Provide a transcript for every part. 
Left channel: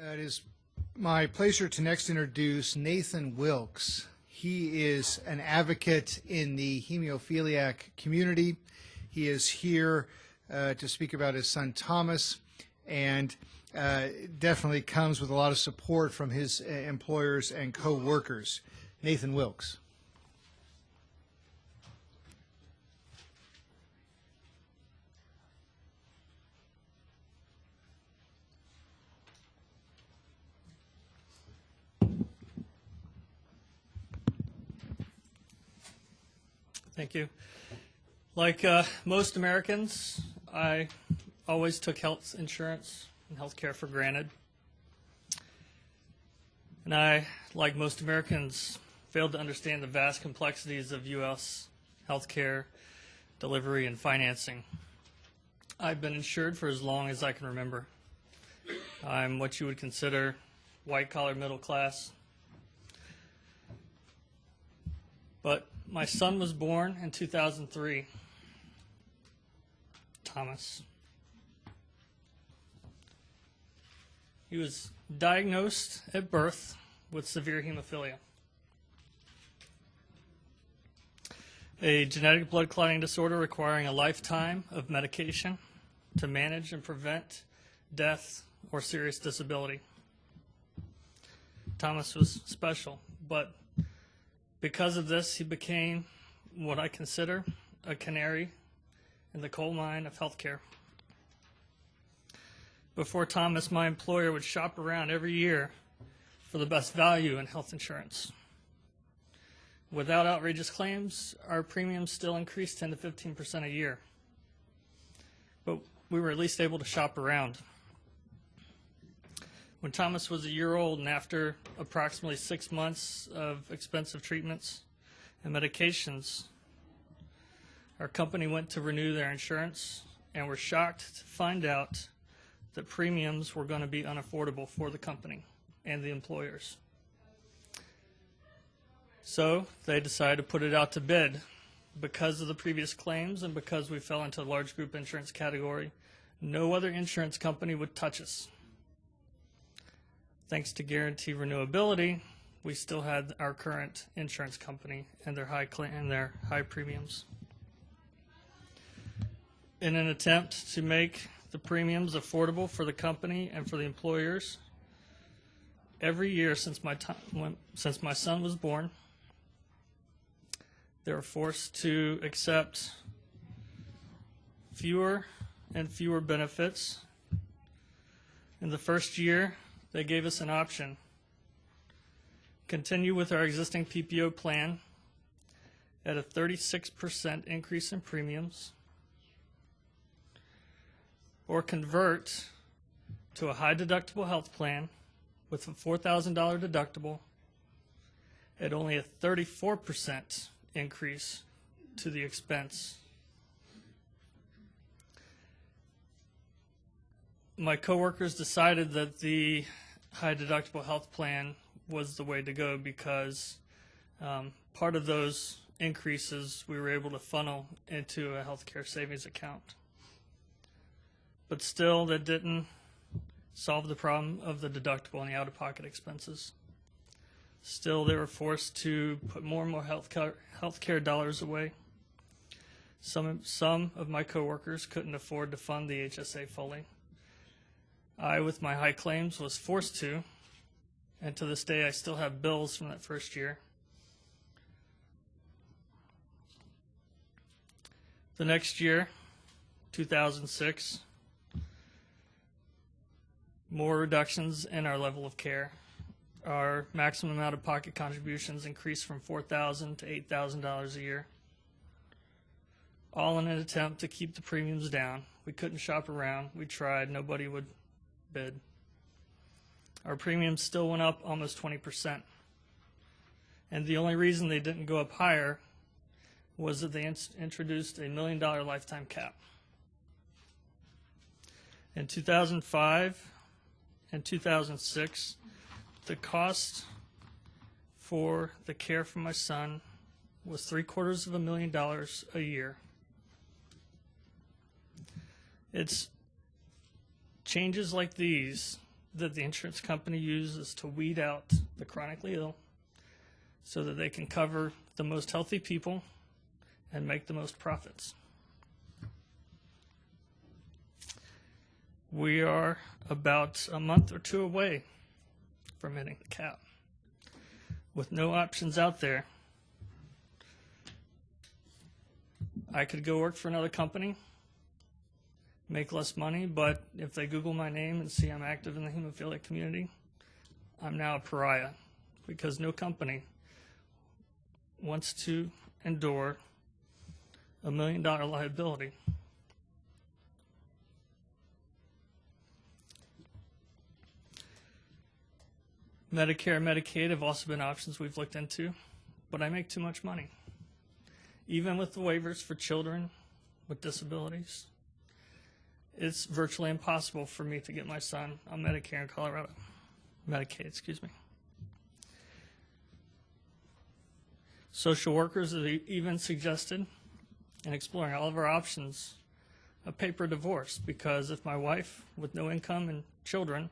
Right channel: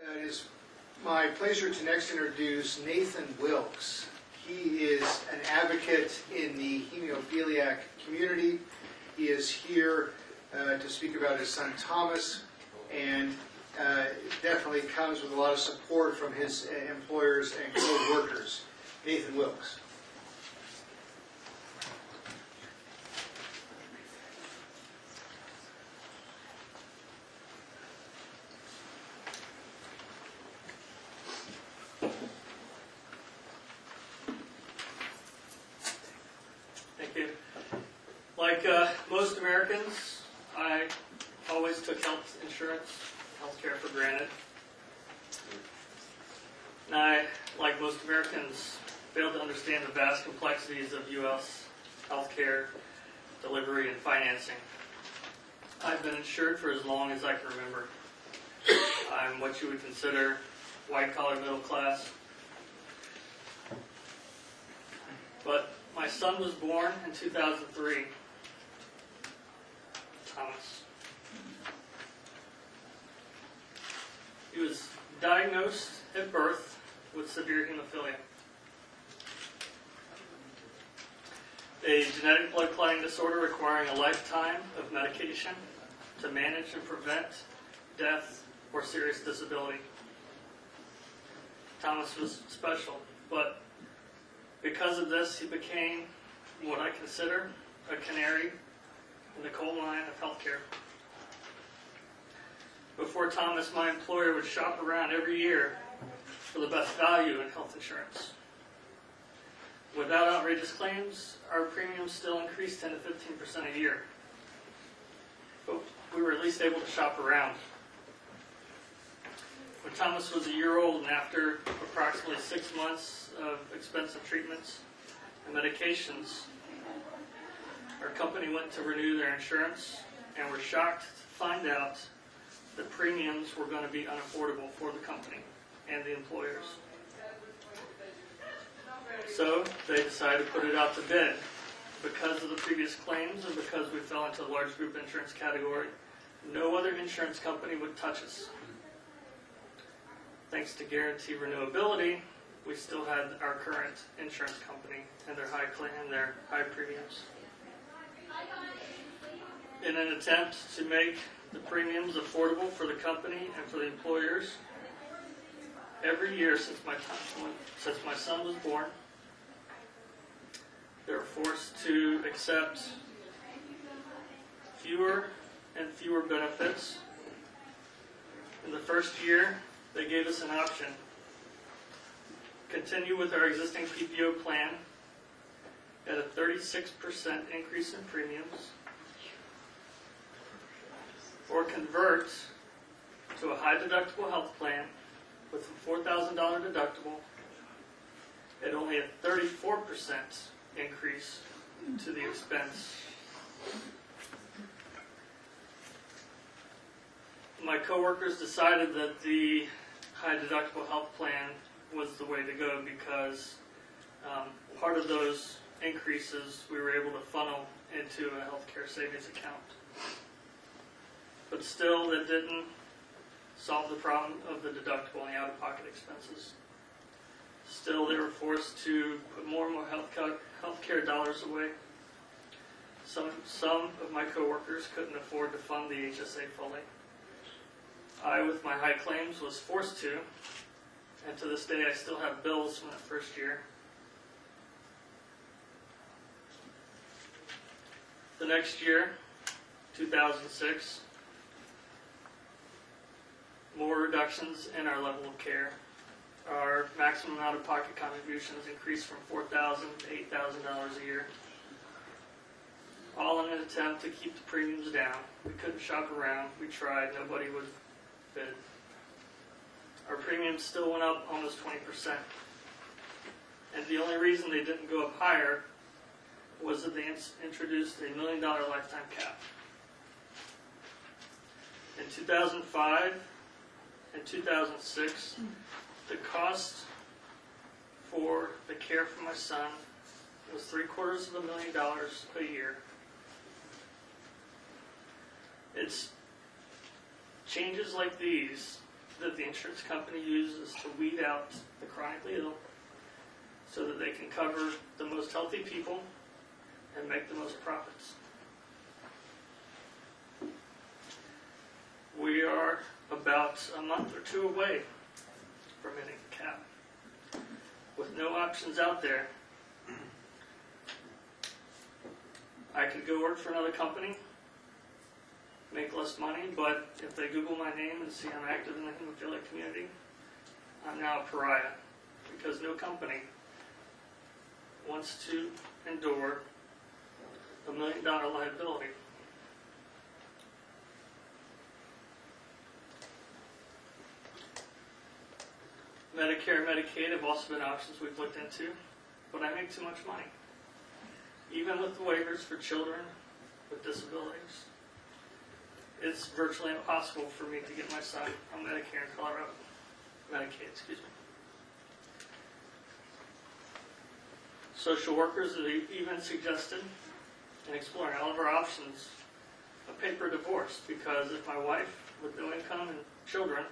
It is my pleasure to next introduce Nathan Wilkes. He is an advocate in the hemophiliac community. He is here to speak about his son Thomas, and definitely comes with a lot of support from his employers and co-workers. Nathan Wilkes. Thank you. Like most Americans, I always took health insurance and health care for granted. And I, like most Americans, failed to understand the vast complexities of U.S. healthcare delivery and financing. I've been insured for as long as I can remember. I'm what you would consider white-collar middle class. But my son was born in 2003, Thomas. He was diagnosed at birth with severe hemophilia, a genetic blood clotting disorder requiring a lifetime of medication to manage and prevent death or serious disability. Thomas was special, but because of this, he became what I consider a canary in the coal mine of healthcare. Before Thomas, my employer would shop around every year for the best value in health insurance. Without outrageous claims, our premiums still increased 10 to 15% a year. But we were at least able to shop around. When Thomas was a year old and after approximately 6 months of expensive treatments and medications, our company went to renew their insurance and were shocked to find out that premiums were going to be unaffordable for the company and the employers. So they decided to put it out to bid. Because of the previous claims and because we fell into a large group insurance category, no other insurance company would touch us. Thanks to guarantee renewability, we still had our current insurance company and their high premiums. In an attempt to make the premiums affordable for the company and for the employers, every year since my son was born, they were forced to accept fewer and fewer benefits. In the first year, they gave us an option: continue with our existing PPO plan at a 36% increase in premiums, or convert to a high deductible health plan with a $4,000 deductible at only a 34% increase to the expense. My coworkers decided that the high deductible health plan was the way to go because part of those increases we were able to funnel into a healthcare savings account. But still, that didn't solve the problem of the deductible and the out-of-pocket expenses. Still, they were forced to put more and more healthcare dollars away. Some of my coworkers couldn't afford to fund the HSA fully. I, with my high claims, was forced to, and to this day I still have bills from that first year. The next year, 2006, more reductions in our level of care. Our maximum out-of-pocket contributions increased from $4,000 to $8,000 a year, all in an attempt to keep the premiums down. We couldn't shop around. We tried. Nobody would bid. Our premiums still went up almost 20%. And the only reason they didn't go up higher was that they introduced a $1 million lifetime cap. In 2005 and 2006, the cost for the care for my son was $750,000 a year. It's changes like these that the insurance company uses to weed out the chronically ill so that they can cover the most healthy people and make the most profits. We are about a month or two away from hitting the cap. With no options out there, I could go work for another company, make less money, but if they Google my name and see I'm active in the hemophiliac community, I'm now a pariah, because no company wants to endure $1 million liability. Medicare and Medicaid have also been options we've looked into, but I make too much money. Even with the waivers for children with disabilities, it's virtually impossible for me to get my son on Medicare in Colorado. Medicaid, excuse me. Social workers have even suggested, and exploring all of our options, a paper divorce, because if my wife with no income and children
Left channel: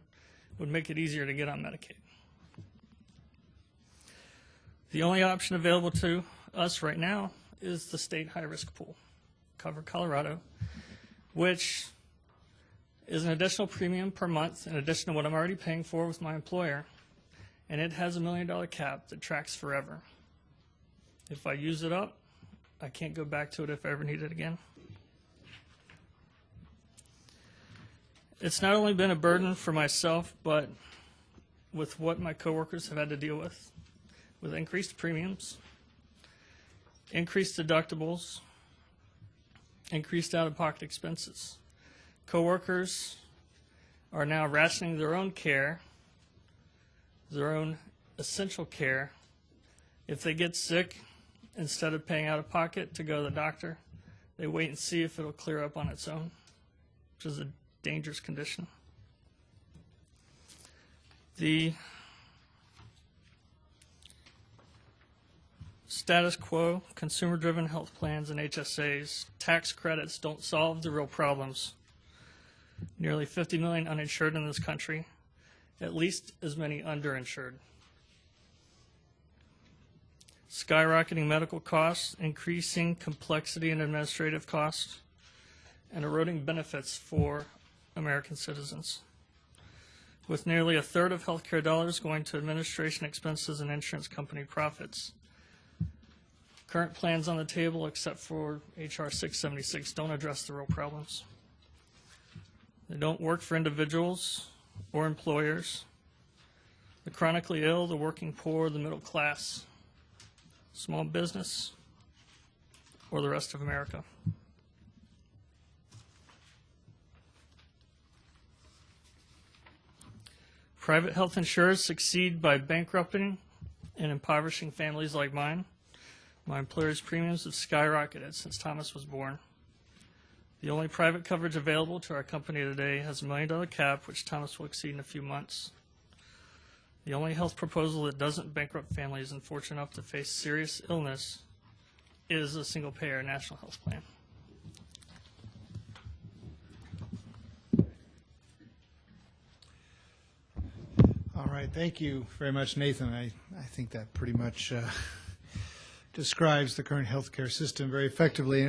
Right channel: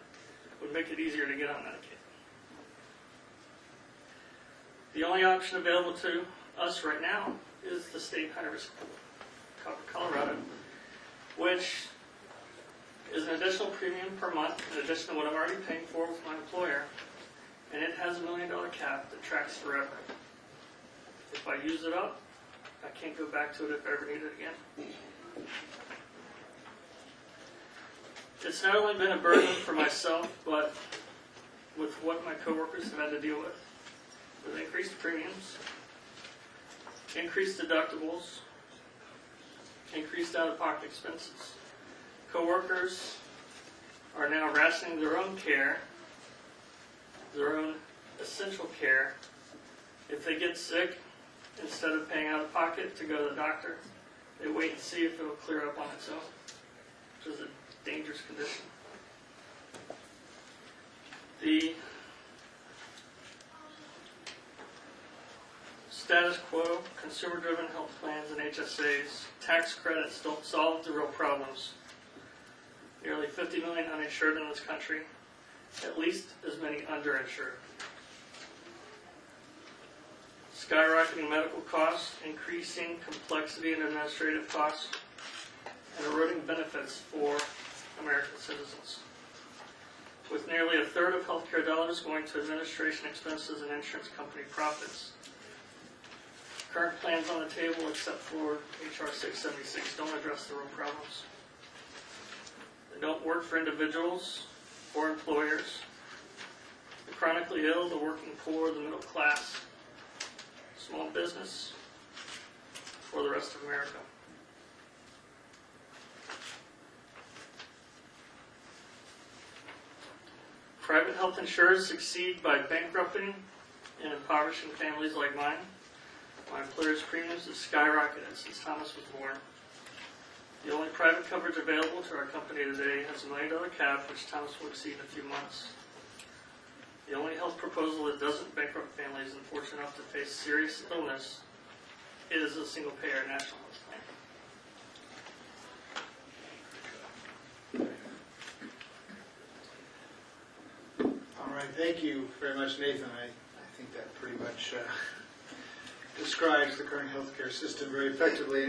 would make it easier to get on Medicaid. The only option available to us right now is the state high-risk pool, Cover Colorado, which is an additional premium per month in addition to what I'm already paying for with my employer, and it has $1 million cap that tracks forever. If I use it up, I can't go back to it if I ever need it again. It's not only been a burden for myself, but with what my coworkers have had to deal with increased premiums, increased deductibles, increased out-of-pocket expenses. Coworkers are now rationing their own care, their own essential care. If they get sick, instead of paying out of pocket to go to the doctor, they wait and see if it will clear up on its own, which is a dangerous condition. The status quo, consumer-driven health plans and HSAs, tax credits don't solve the real problems. Nearly 50 million uninsured in this country, at least as many underinsured. Skyrocketing medical costs, increasing complexity and administrative costs, and eroding benefits for American citizens. With nearly a third of healthcare dollars going to administration expenses and insurance company profits. Current plans on the table, except for HR 676, don't address the real problems. They don't work for individuals or employers, the chronically ill, the working poor, the middle class, small business, or the rest of America. Private health insurers succeed by bankrupting and impoverishing families like mine. My employer's premiums have skyrocketed since Thomas was born. The only private coverage available to our company today has $1 million cap, which Thomas will exceed in a few months. The only health proposal that doesn't bankrupt families unfortunate enough to face serious illness is a single-payer national health plan. All right, thank you very much, Nathan. I think that pretty much describes the current healthcare system very effectively.